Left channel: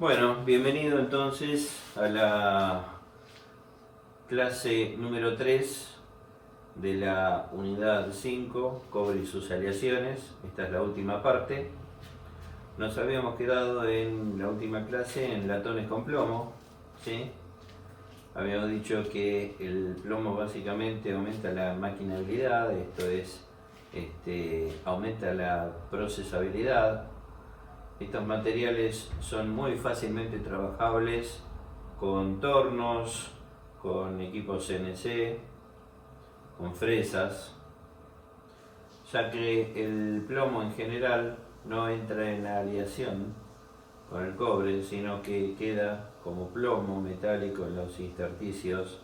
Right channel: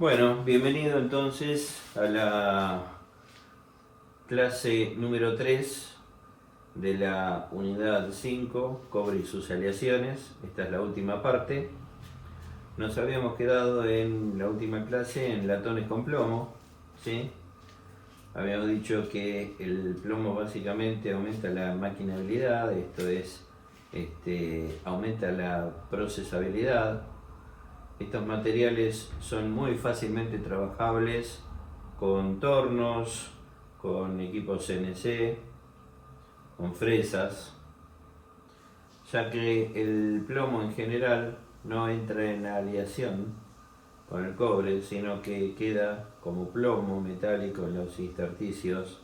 Bueno, bienvenido entonces a la clase número 3 de la unidad 5, cobre y sus aleaciones. Esta es la última parte. Nos habíamos quedado en la última clase en latones con plomo, ¿sí? Habíamos dicho que el plomo básicamente aumenta la maquinabilidad, esto es, aumenta la procesabilidad. Estos materiales son muy fácilmente trabajables con tornos, con equipos CNC, con fresas, ya que el plomo en general no entra en aleación con el cobre, sino que queda como plomo metálico en los intersticios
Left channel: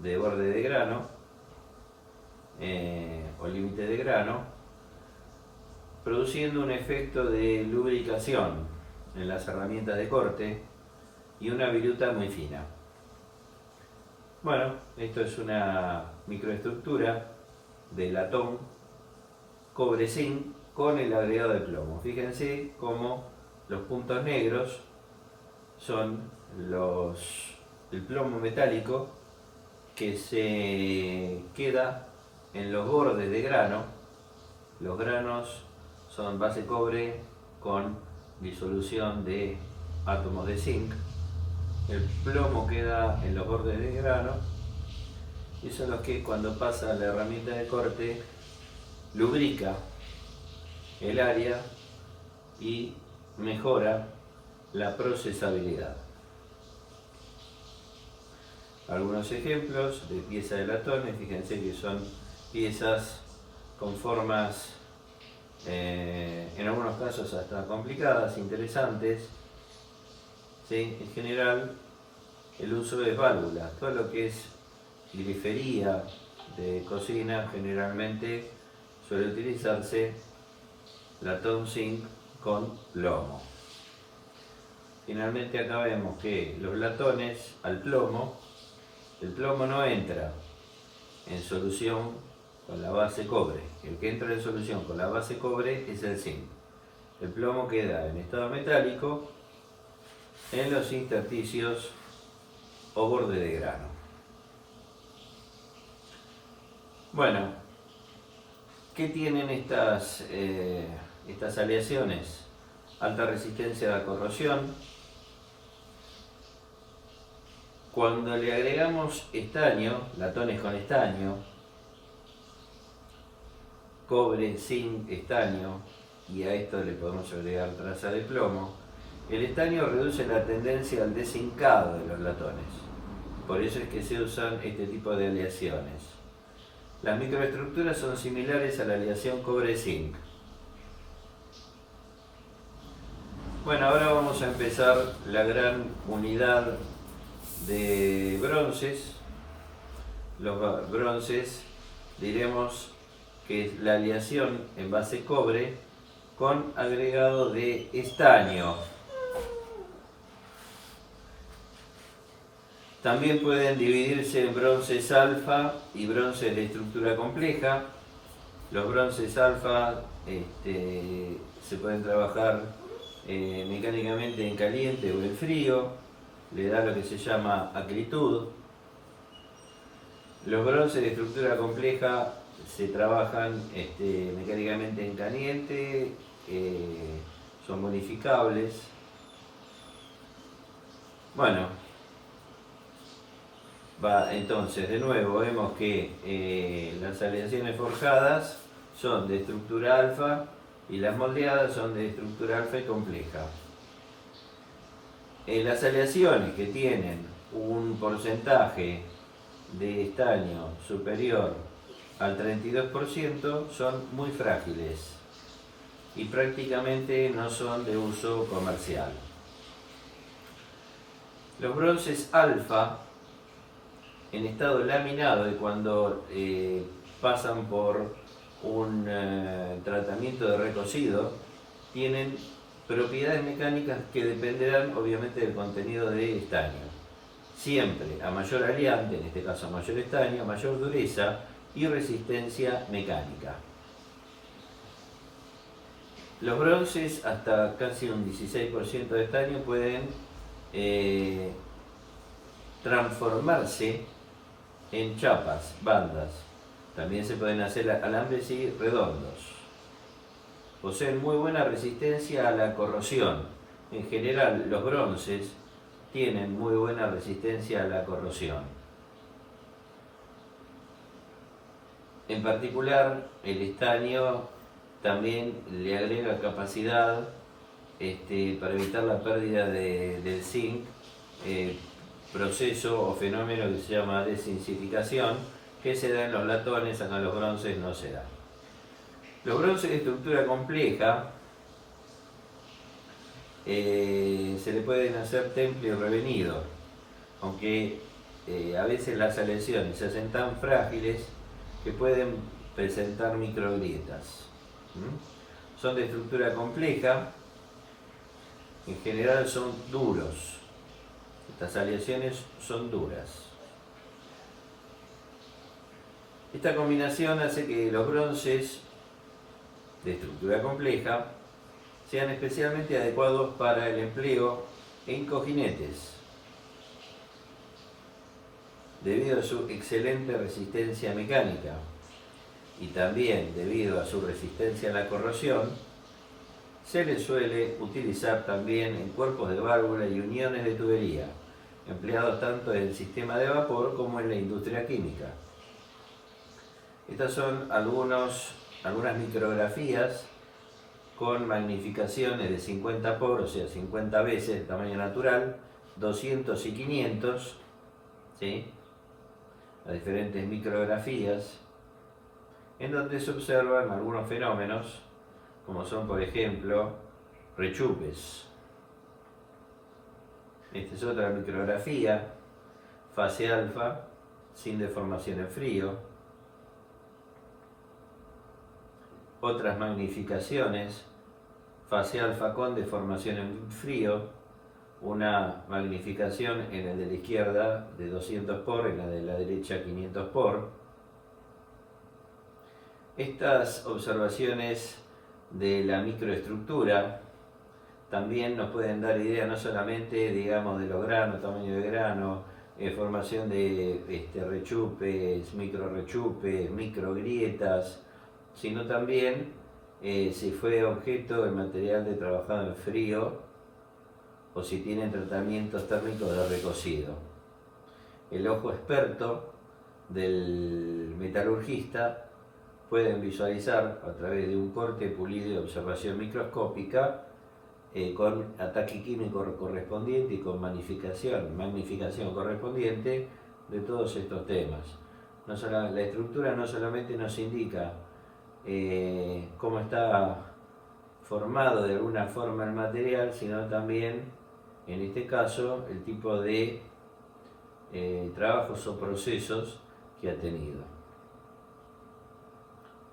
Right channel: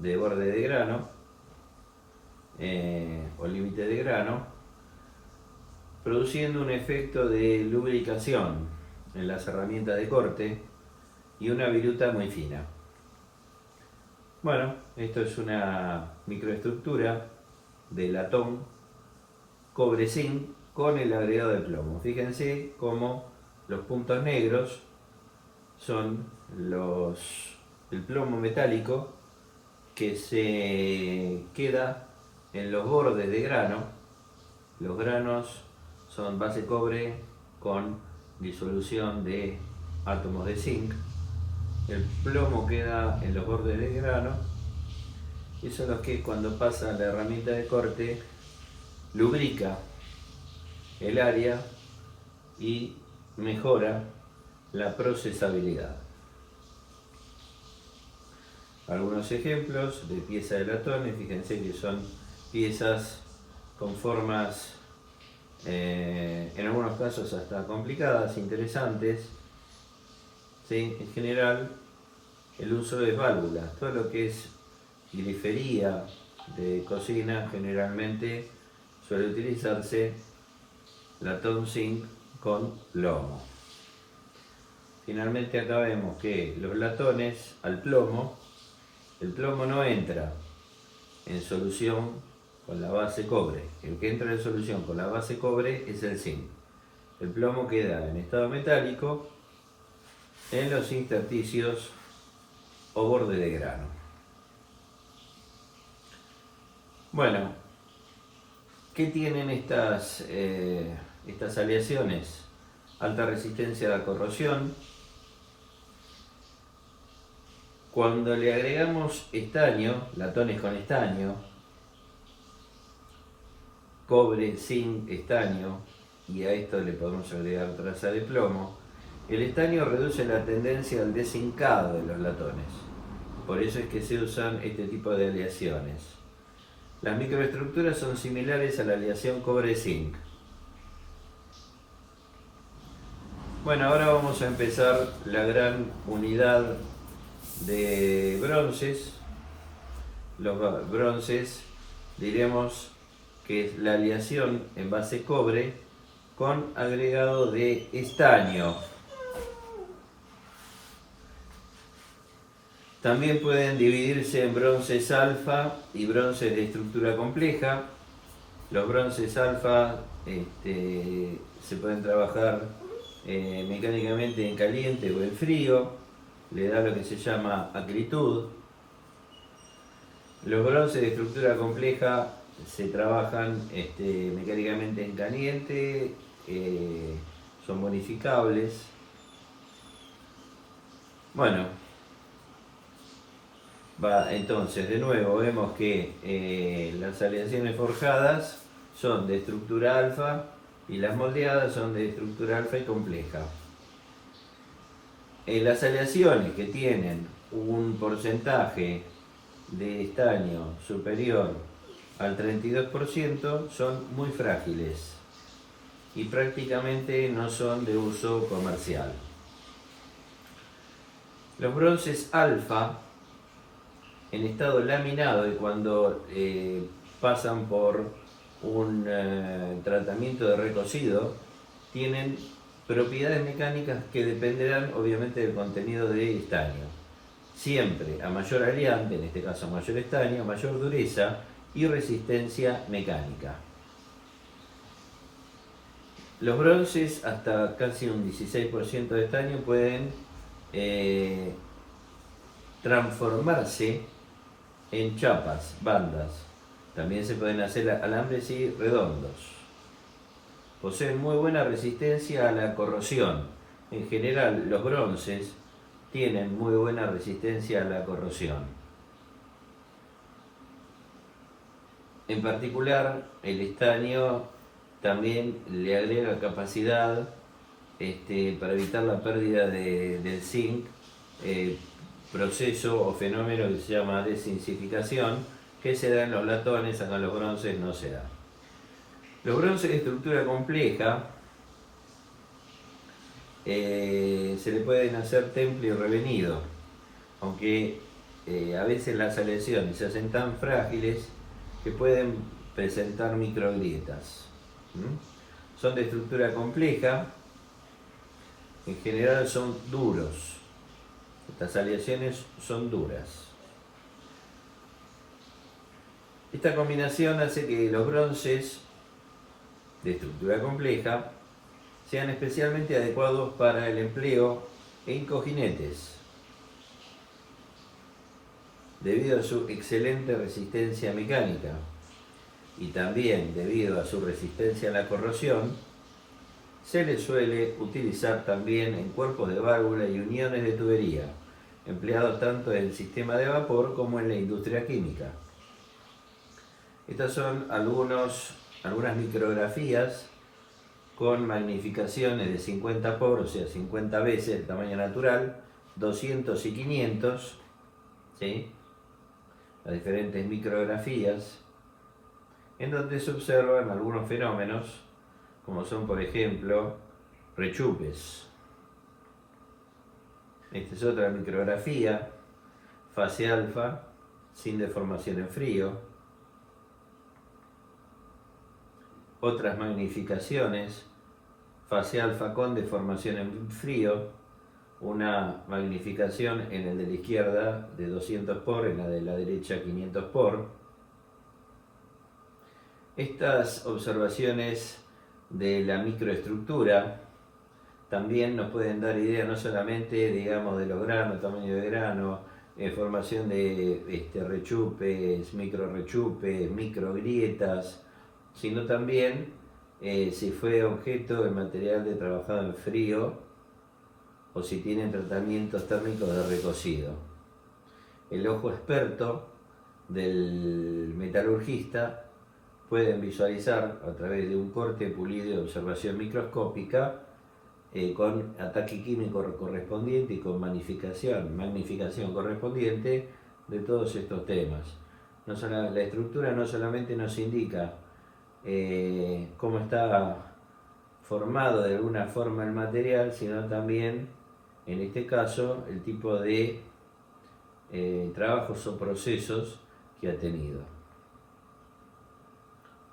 de borde de grano o límite de grano, produciendo un efecto de lubricación en las herramientas de corte y una viruta muy fina. Bueno, esto es una microestructura de latón cobre zinc con el agregado de plomo. Fíjense cómo los puntos negros son el plomo metálico que se queda en los bordes de grano. Los granos son base cobre con disolución de átomos de zinc. El plomo queda en los bordes del grano y son los que cuando pasa la herramienta de corte lubrica el área y mejora la procesabilidad. Algunos ejemplos de piezas de latones, fíjense que son piezas con formas en algunos casos hasta complicadas, interesantes. ¿Sí? En general, el uso de válvulas, todo lo que es grifería de cocina, generalmente suele utilizarse latón zinc con plomo. Finalmente acá vemos que los latones al plomo, el plomo no entra en solución con la base cobre. El que entra en solución con la base cobre es el zinc. El plomo queda en estado metálico en los intersticios o borde de grano. Bueno, ¿qué tienen estas aleaciones? Alta resistencia a la corrosión. Cuando le agregamos estaño, latones con estaño, cobre, zinc, estaño, y a esto le podemos agregar traza de plomo, el estaño reduce la tendencia al dezincado de los latones. Por eso es que se usan este tipo de aleaciones. Las microestructuras son similares a la aleación cobre-zinc. Bueno, ahora vamos a empezar la gran unidad de bronces. Los bronces diremos que es la aleación en base cobre con agregado de estaño. También pueden dividirse en bronces alfa y bronces de estructura compleja. Los bronces alfa se pueden trabajar mecánicamente en caliente o en frío, le da lo que se llama acritud. Los bronces de estructura compleja se trabajan mecánicamente en caliente, son bonificables. Bueno, entonces de nuevo vemos que las aleaciones forjadas son de estructura alfa y las moldeadas son de estructura alfa y compleja. Las aleaciones que tienen un porcentaje de estaño superior al 32% son muy frágiles y prácticamente no son de uso comercial. Los bronces alfa en estado laminado y cuando pasan por un tratamiento de recocido tienen propiedades mecánicas que dependerán obviamente del contenido de estaño. Siempre a mayor aliante, en este caso a mayor estaño, mayor dureza y resistencia mecánica. Los bronces hasta casi un 16% de estaño pueden transformarse en chapas, bandas. También se pueden hacer alambres y redondos. Poseen muy buena resistencia a la corrosión. En general, los bronces tienen muy buena resistencia a la corrosión. En particular, el estaño también le agrega capacidad para evitar la pérdida del zinc, proceso o fenómeno que se llama dezincificación, que se da en los latones, acá en los bronces no se da. Los bronces de estructura compleja se le pueden hacer temple y revenido, aunque a veces las aleaciones se hacen tan frágiles que pueden presentar microgrietas. Son de estructura compleja, en general son duros. Estas aleaciones son duras. Esta combinación hace que los bronces de estructura compleja sean especialmente adecuados para el empleo en cojinetes, debido a su excelente resistencia mecánica y también debido a su resistencia a la corrosión. Se les suele utilizar también en cuerpos de válvula y uniones de tubería, empleados tanto en el sistema de vapor como en la industria química. Estas son algunas micrografías con magnificaciones de 50 por, o sea, 50 veces el tamaño natural, 200 y 500, ¿sí? Las diferentes micrografías, en donde se observan algunos fenómenos, como son, por ejemplo, rechupes. Esta es otra micrografía, fase alfa, sin deformación en frío. Otras magnificaciones, fase alfa con deformación en frío, una magnificación en el de la izquierda de 200 por, en la de la derecha 500 por. Estas observaciones de la microestructura también nos pueden dar idea no solamente, digamos, de los granos, tamaño de grano, formación de rechupes, microgrietas, sino también si fue objeto el material de trabajado en frío o si tienen tratamientos térmicos de recocido. El ojo experto del metalurgista puede visualizar a través de un corte, pulido y observación microscópica con ataque químico correspondiente y con magnificación correspondiente de todos estos temas. La estructura no solamente nos indica cómo está formado de alguna forma el material, sino también, en este caso, el tipo de trabajos o procesos que ha tenido.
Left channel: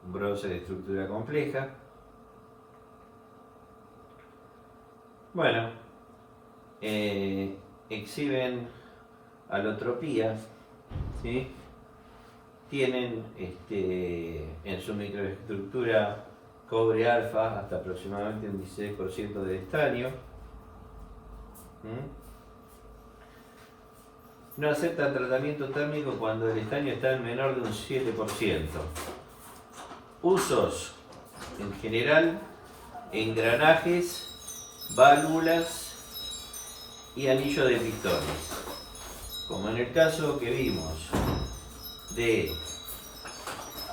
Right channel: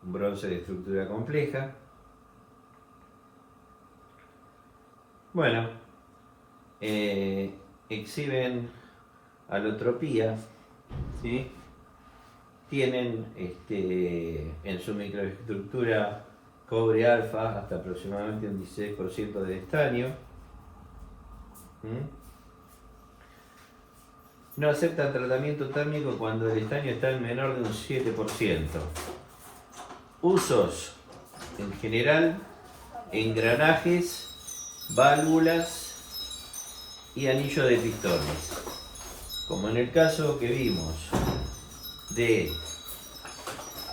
Un bronce de estructura compleja. Bueno, exhiben alotropía, ¿sí? Tienen en su microestructura cobre alfa hasta aproximadamente un 16% de estaño. No aceptan tratamiento térmico cuando el estaño está en menor de un 7%. Usos, en general, engranajes, válvulas y anillo de pistones. Como en el caso que vimos de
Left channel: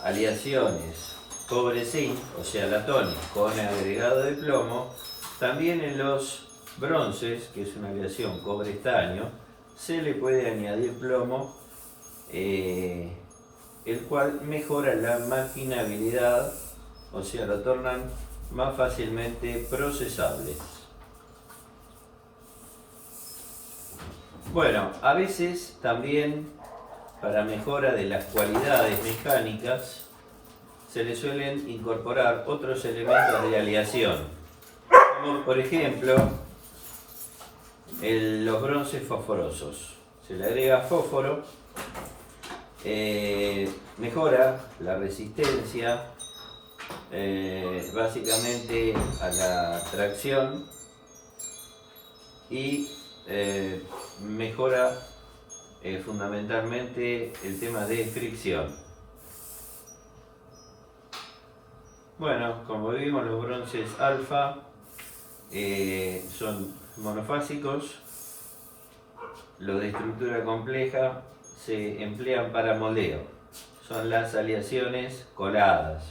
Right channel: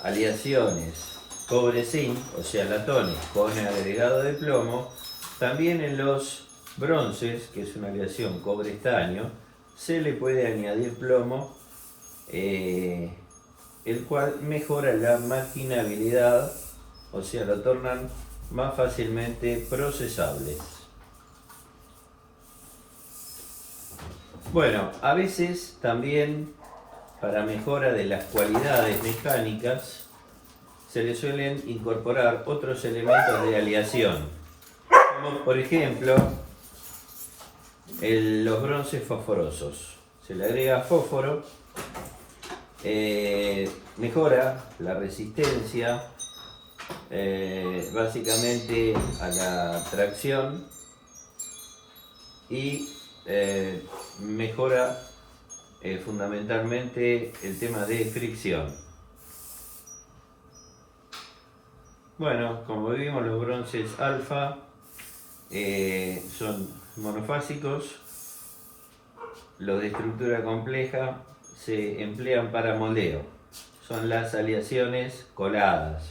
aleaciones cobre-zinc, o sea latones con agregado de plomo, también en los bronces, que es una aleación cobre-estaño, se le puede añadir plomo, el cual mejora la maquinabilidad, o sea, lo tornan más fácilmente procesables. Bueno, a veces también para mejora de las cualidades mecánicas se le suelen incorporar otros elementos de aleación, como por ejemplo los bronces fosforosos. Se le agrega fósforo, mejora la resistencia básicamente a la tracción y mejora fundamentalmente el tema de fricción. Bueno, como vimos, los bronces alfa son monofásicos. Los de estructura compleja se emplean para moldeo. Son las aleaciones coladas.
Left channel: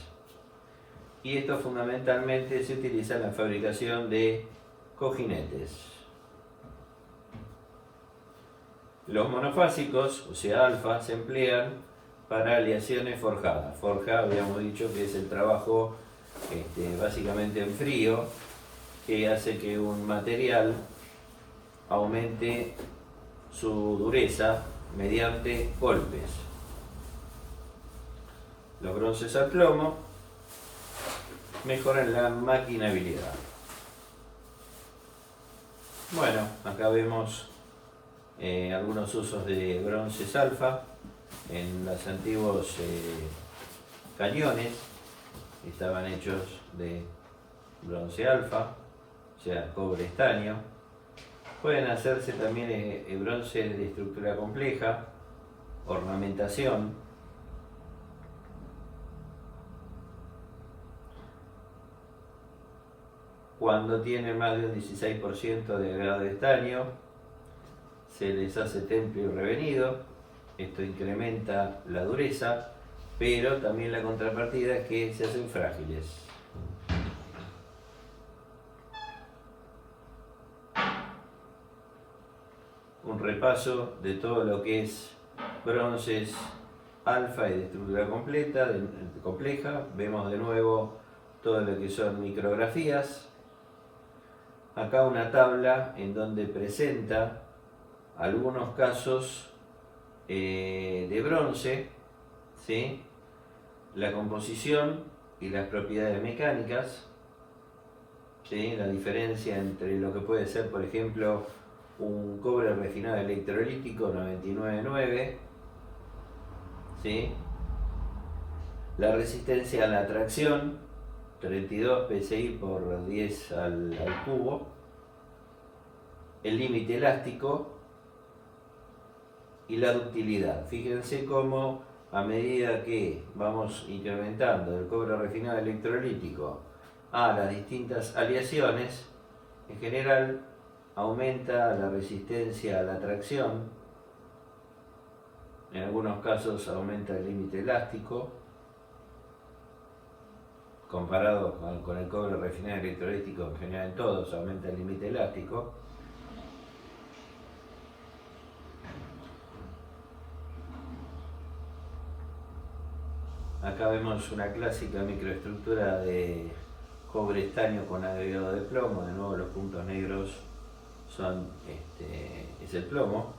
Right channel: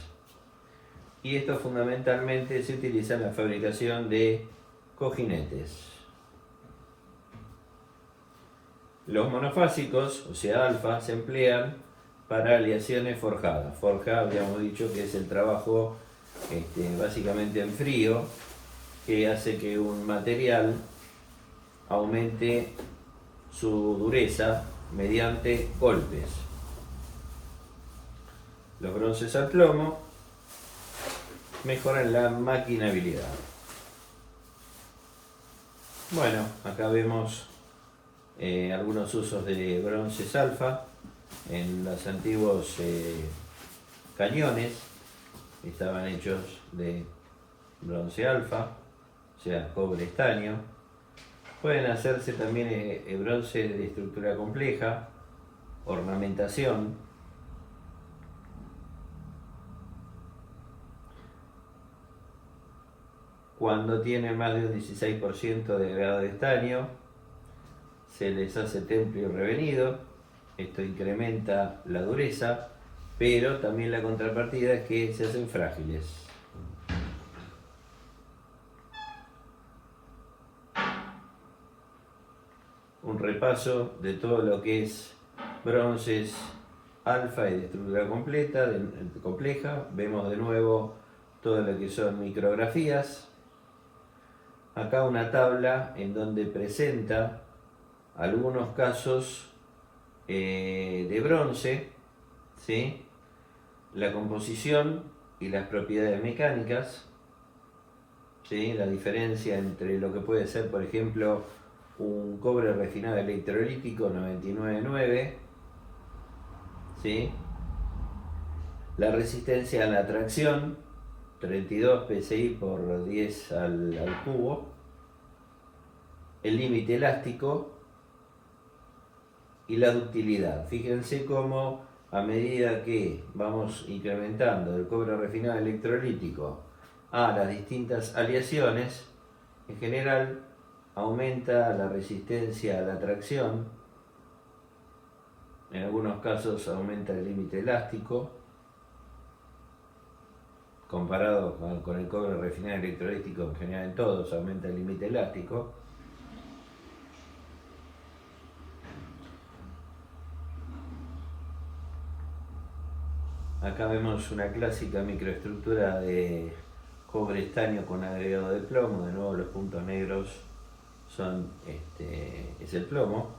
Y esto fundamentalmente se utiliza en la fabricación de cojinetes. Los monofásicos, o sea alfa, se emplean para aleaciones forjadas. Forja, habíamos dicho que es el trabajo básicamente en frío, que hace que un material aumente su dureza mediante golpes. Los bronces al plomo mejoran la maquinabilidad. Bueno, acá vemos algunos usos de bronces alfa en los antiguos cañones. Estaban hechos de bronce alfa, o sea, cobre estaño. Pueden hacerse también bronce de estructura compleja, ornamentación. Cuando tienen más de un 16% de grado de estaño, se les hace temple y revenido. Esto incrementa la dureza, pero también la contrapartida es que se hacen frágiles. Un repaso de todo lo que es bronces alfa y de estructura compleja. Vemos de nuevo todo lo que son micrografías. Acá una tabla en donde presenta algunos casos de bronce, ¿sí? La composición y las propiedades mecánicas, ¿sí? La diferencia entre lo que puede ser, por ejemplo, un cobre refinado electrolítico 99,9, ¿sí? La resistencia a la tracción 32 psi por 10 al cubo, el límite elástico y la ductilidad. Fíjense cómo a medida que vamos incrementando el cobre refinado electrolítico a las distintas aleaciones, en general aumenta la resistencia a la tracción, en algunos casos aumenta el límite elástico, comparado con el cobre refinado electrolítico, en general en todos aumenta el límite elástico. Acá vemos una clásica microestructura de cobre estaño con agregado de plomo. De nuevo los puntos negros es el plomo.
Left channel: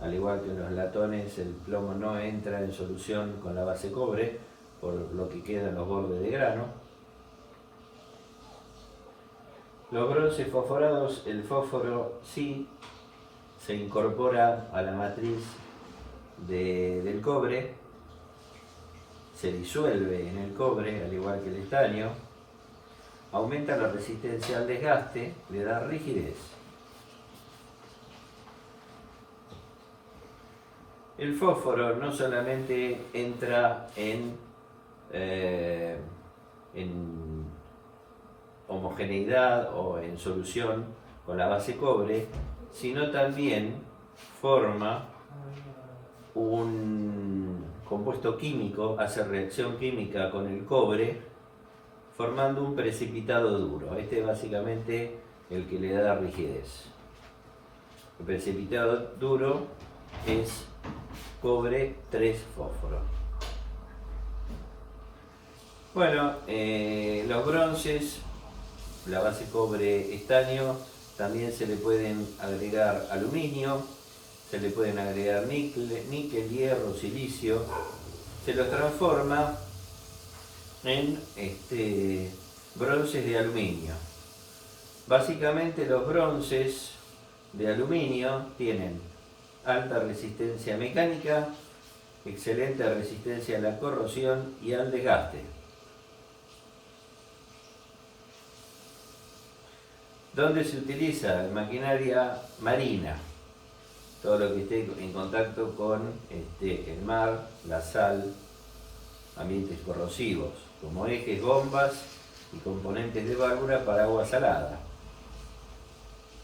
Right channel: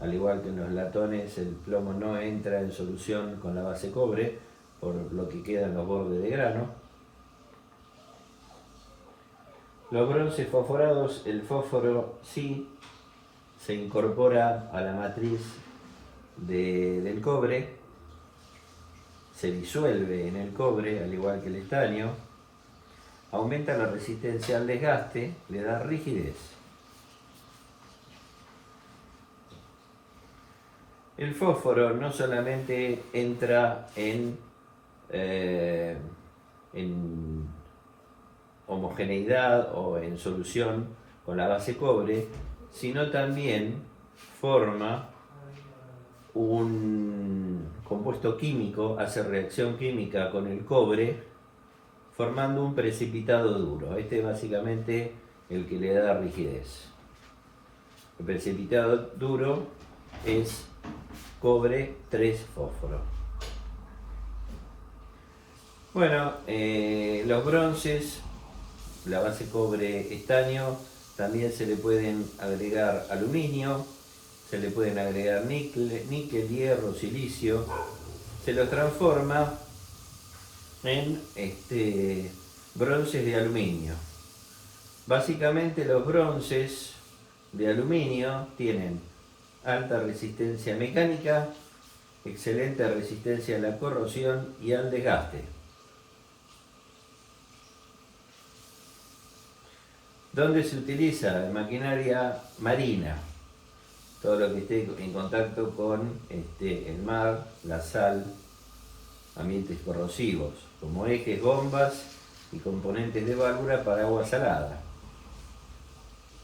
Al igual que en los latones, el plomo no entra en solución con la base cobre, por lo que quedan los bordes de grano. Los bronces fosforados, el fósforo sí se incorpora a la matriz del cobre, se disuelve en el cobre, al igual que el estaño, aumenta la resistencia al desgaste, le da rigidez. El fósforo no solamente entra en homogeneidad o en solución con la base cobre, sino también forma un compuesto químico, hace reacción química con el cobre, formando un precipitado duro. Este es básicamente el que le da la rigidez. El precipitado duro es cobre 3 fósforo. Bueno, los bronces, la base cobre estaño, también se le pueden agregar aluminio, se le pueden agregar níquel, hierro, silicio. Se los transforma en bronces de aluminio. Básicamente los bronces de aluminio tienen alta resistencia mecánica, excelente resistencia a la corrosión y al desgaste. ¿Dónde se utiliza? En maquinaria marina. Todo lo que esté en contacto con el mar, la sal, ambientes corrosivos, como ejes, bombas y componentes de válvula para agua salada.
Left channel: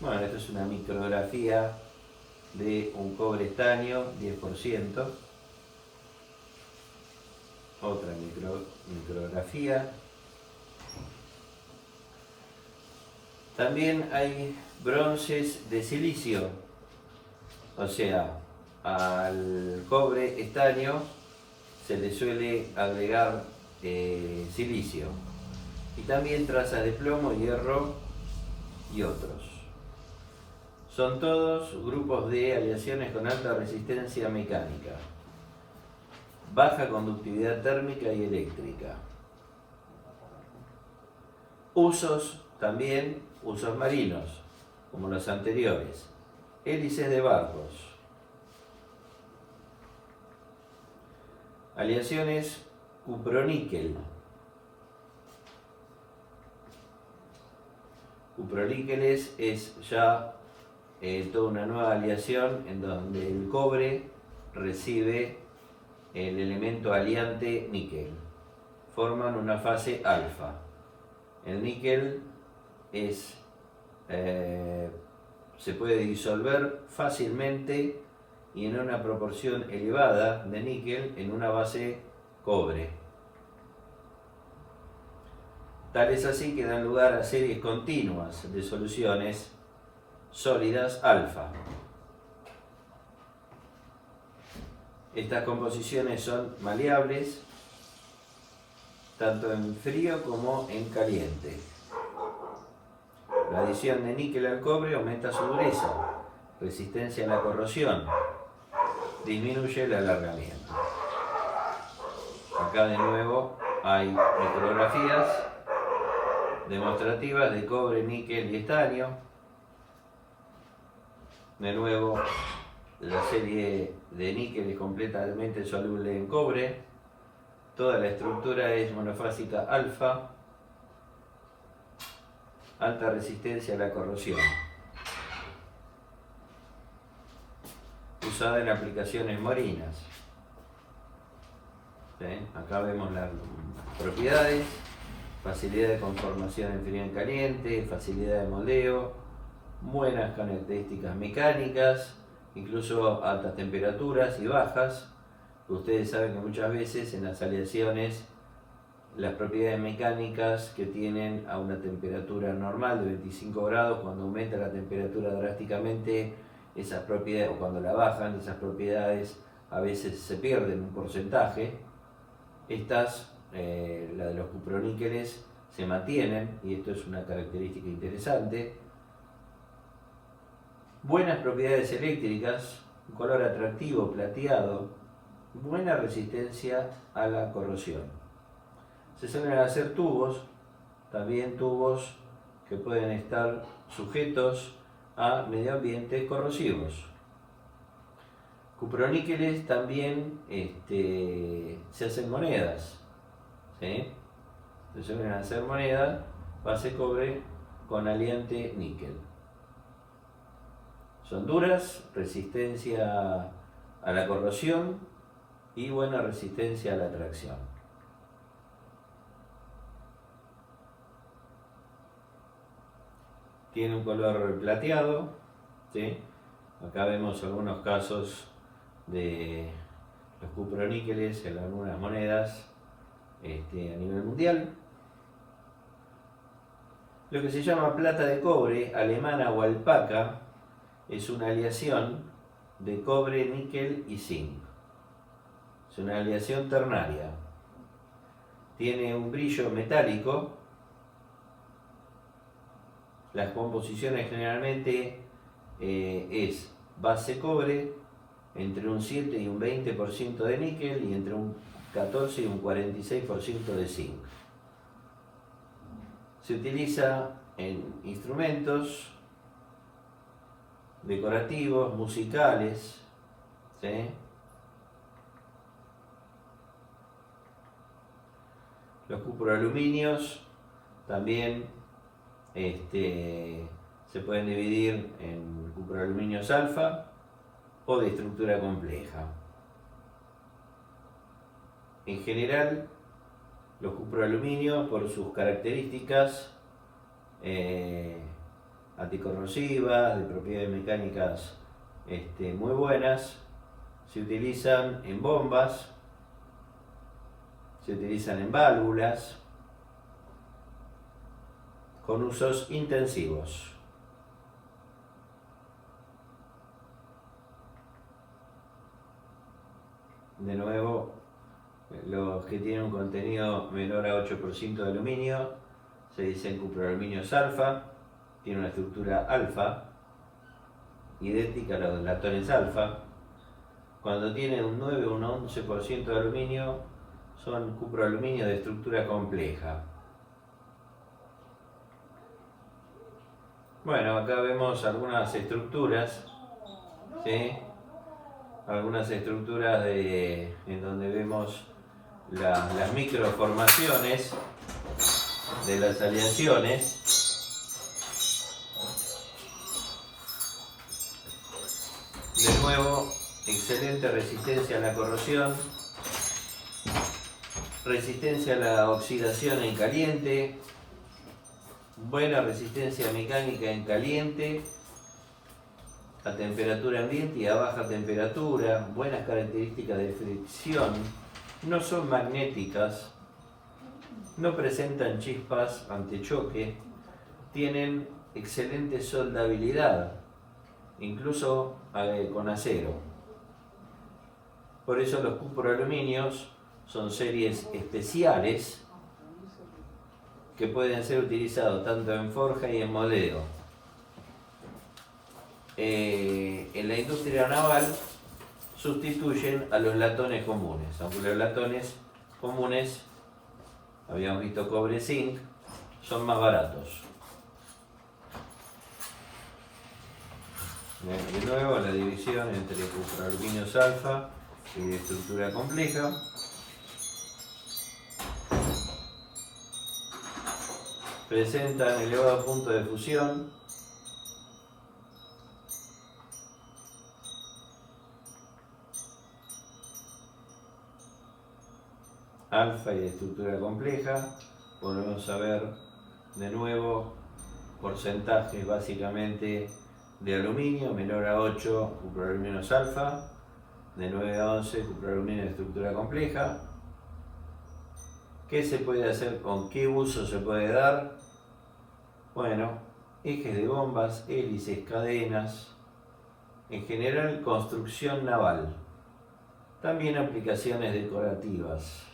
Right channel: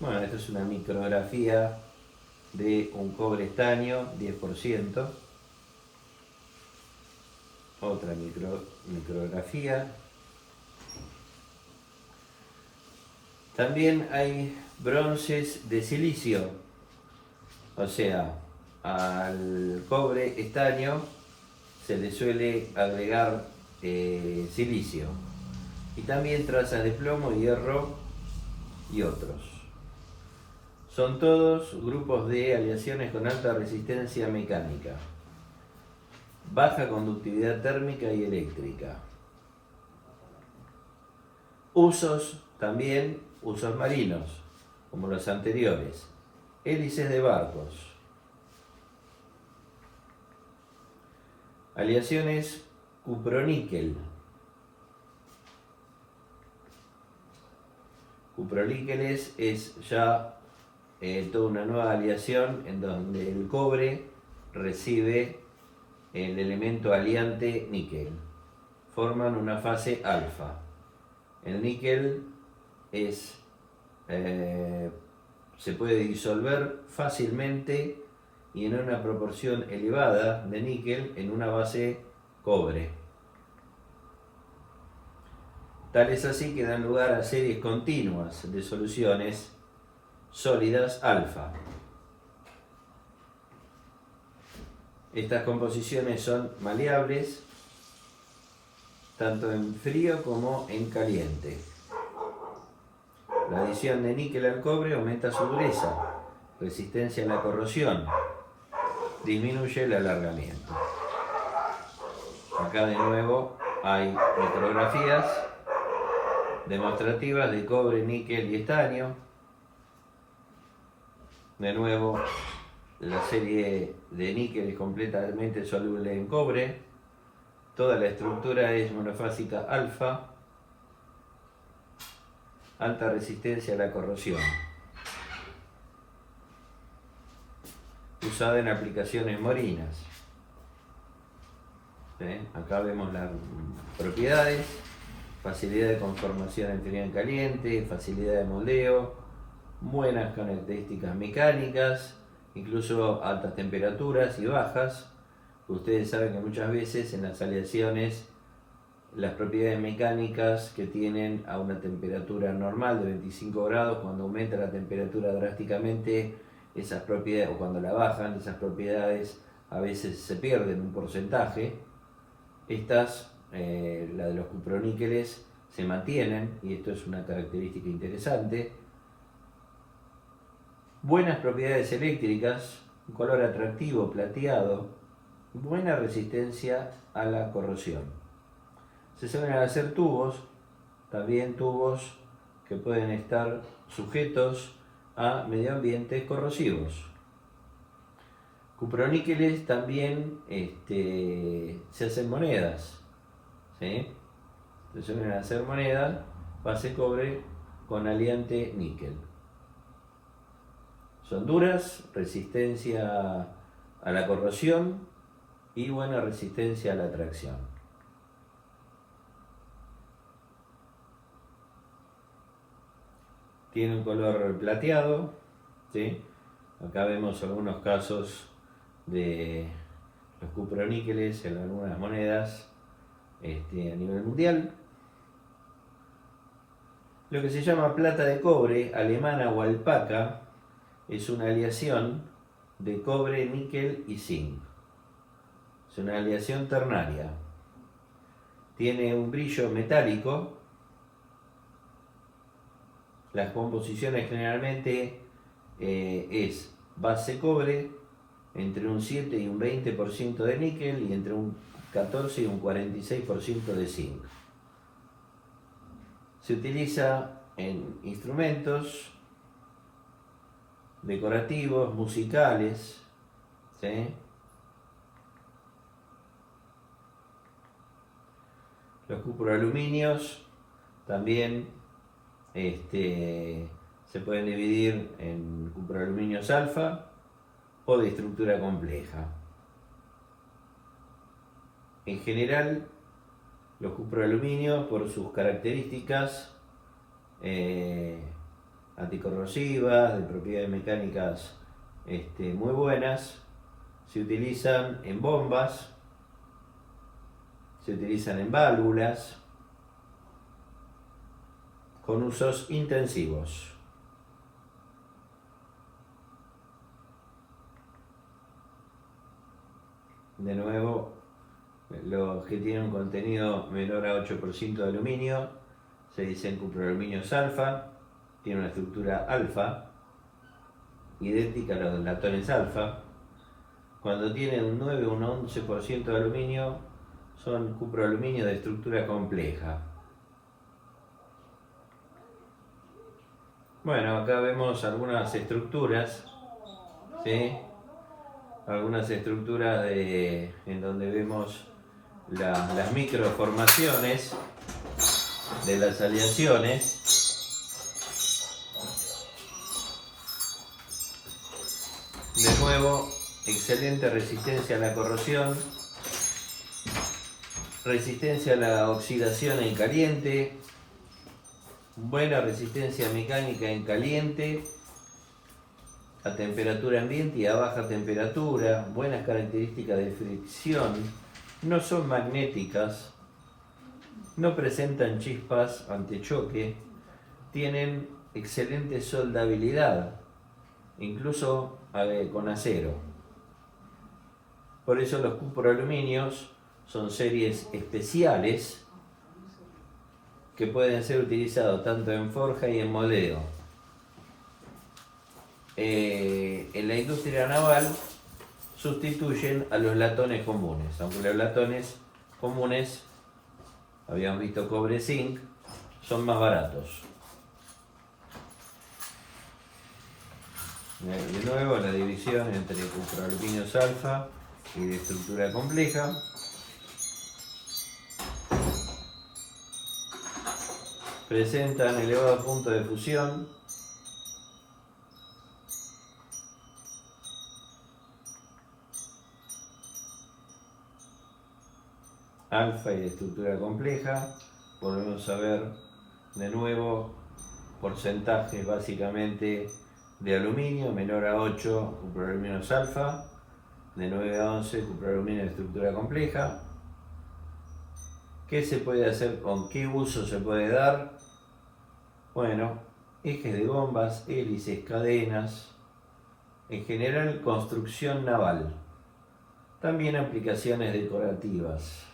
Bueno, esto es una micrografía de un cobre estaño 10%. Otra micrografía. También hay bronces de silicio, o sea, al cobre estaño se le suele agregar silicio, y también trazas de plomo, hierro y otros. Son todos grupos de aleaciones con alta resistencia mecánica, baja conductividad térmica y eléctrica. Usos también, usos marinos, como los anteriores. Hélices de barcos. Aleaciones cuproníquel. Cuproníqueles es ya toda una nueva aleación en donde el cobre recibe el elemento aliante níquel. Forman una fase alfa. El níquel se puede disolver fácilmente y en una proporción elevada de níquel en una base cobre. Tal es así que dan lugar a series continuas de soluciones sólidas alfa. Estas composiciones son maleables tanto en frío como en caliente. La adición de níquel al cobre aumenta su dureza, resistencia a la corrosión, disminuye el alargamiento. Acá de nuevo hay micrografías demostrativas de cobre, níquel y estaño. De nuevo, la serie de níquel es completamente soluble en cobre. Toda la estructura es monofásica alfa, alta resistencia a la corrosión. Usada en aplicaciones marinas. Acá vemos las propiedades: facilidad de conformación en frío y en caliente, facilidad de moldeo, buenas características mecánicas, incluso altas temperaturas y bajas. Ustedes saben que muchas veces en las aleaciones las propiedades mecánicas que tienen a una temperatura normal de 25 grados, cuando aumenta la temperatura drásticamente, esas propiedades, o cuando la bajan, esas propiedades a veces se pierden un porcentaje. Estas, la de los cuproníqueles, se mantienen, y esto es una característica interesante. Buenas propiedades eléctricas, un color atractivo, plateado, buena resistencia a la corrosión. Se suelen hacer tubos, también tubos que pueden estar sujetos a medio ambientes corrosivos. Cuproníqueles también se hacen monedas, ¿sí? Se suelen hacer monedas base cobre con aliante níquel. Son duras, resistencia a la corrosión y buena resistencia a la tracción. Tiene un color plateado, ¿sí? Acá vemos algunos casos de los cuproníqueles en algunas monedas a nivel mundial. Lo que se llama plata de cobre, alemana o alpaca, es una aleación de cobre, níquel y zinc. Es una aleación ternaria. Tiene un brillo metálico. Las composiciones generalmente es base cobre, entre un 7 y un 20% de níquel y entre un 14 y un 46% de zinc. Se utiliza en instrumentos decorativos, musicales, ¿sí? Los cuproaluminios también se pueden dividir en cuproaluminios alfa o de estructura compleja. En general, los cuproaluminios, por sus características anticorrosivas, de propiedades mecánicas muy buenas, se utilizan en bombas, se utilizan en válvulas, con usos intensivos. De nuevo, los que tienen un contenido menor a 8% de aluminio se dicen cuproaluminios alfa, tienen una estructura alfa, idéntica a los latones alfa. Cuando tienen un 9 o un 11% de aluminio, son cuproaluminios de estructura compleja. Bueno, acá vemos algunas estructuras, ¿sí? Algunas estructuras en donde vemos las microformaciones de las aleaciones. De nuevo, excelente resistencia a la corrosión, resistencia a la oxidación en caliente, buena resistencia mecánica en caliente, a temperatura ambiente y a baja temperatura, buenas características de fricción, no son magnéticas, no presentan chispas ante choque, tienen excelente soldabilidad, incluso con acero. Por eso los cuproaluminios son series especiales que pueden ser utilizados tanto en forja y en moldeo. En la industria naval sustituyen a los latones comunes, aunque los latones comunes, habíamos visto cobre zinc, son más baratos. De nuevo, la división entre cuproaluminios alfa y de estructura compleja. Presentan elevado punto de fusión, alfa y de estructura compleja. Podemos ver de nuevo porcentajes básicamente de aluminio, menor a 8 cuproaluminios alfa, de 9 a 11 cuproaluminio de estructura compleja. ¿Qué se puede hacer? ¿Con qué uso se puede dar? Bueno, ejes de bombas, hélices, cadenas, en general construcción naval. También aplicaciones decorativas.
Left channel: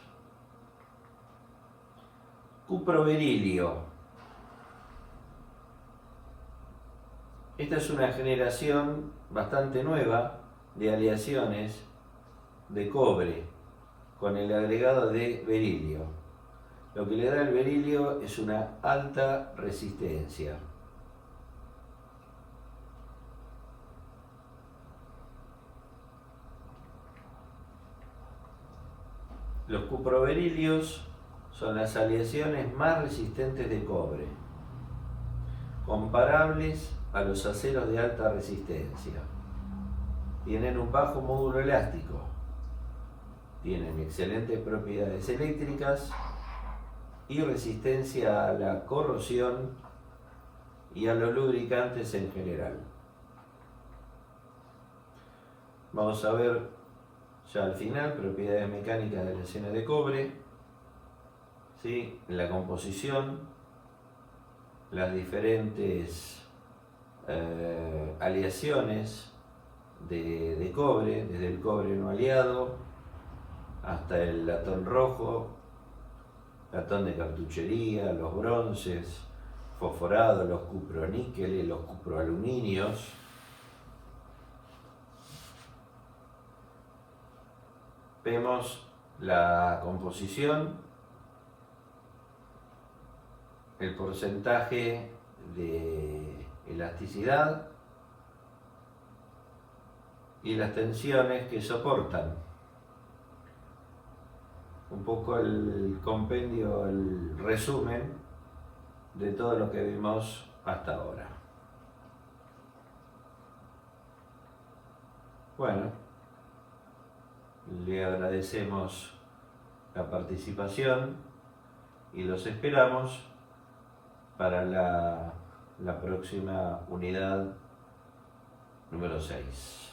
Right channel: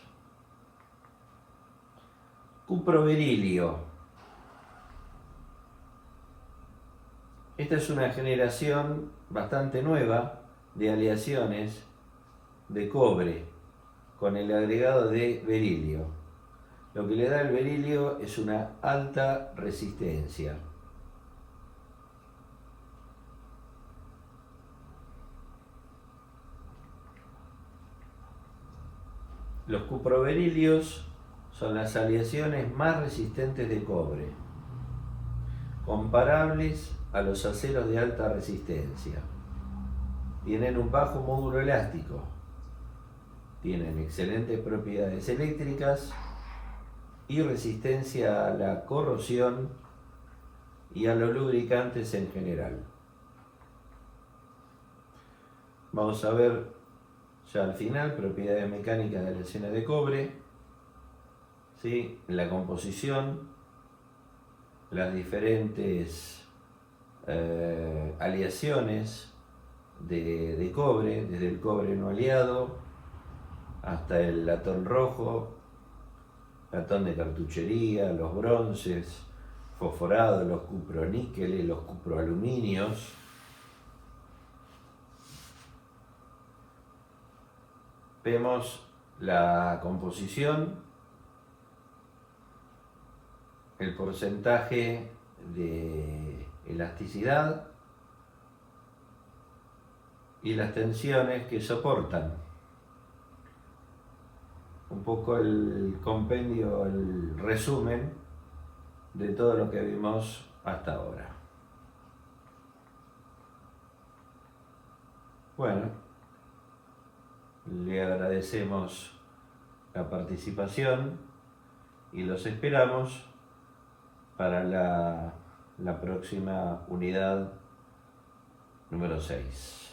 Cuproberilio. Esta es una generación bastante nueva de aleaciones de cobre con el agregado de berilio. Lo que le da el berilio es una alta resistencia. Los cuproberilios son las aleaciones más resistentes de cobre, comparables a los aceros de alta resistencia. Tienen un bajo módulo elástico, tienen excelentes propiedades eléctricas y resistencia a la corrosión y a los lubricantes en general. Vamos a ver ya al final propiedades mecánicas de aleaciones de cobre, ¿sí? La composición, las diferentes aleaciones de cobre, desde el cobre no aliado hasta el latón rojo, latón de cartuchería, los bronces, fosforados, los cuproníqueles, los cuproaluminios. Vemos la composición, el porcentaje de elasticidad y las tensiones que soportan. Un poco el compendio, el resumen de todo lo que vimos hasta ahora. Bueno, le agradecemos la participación y los esperamos para la próxima unidad número 6.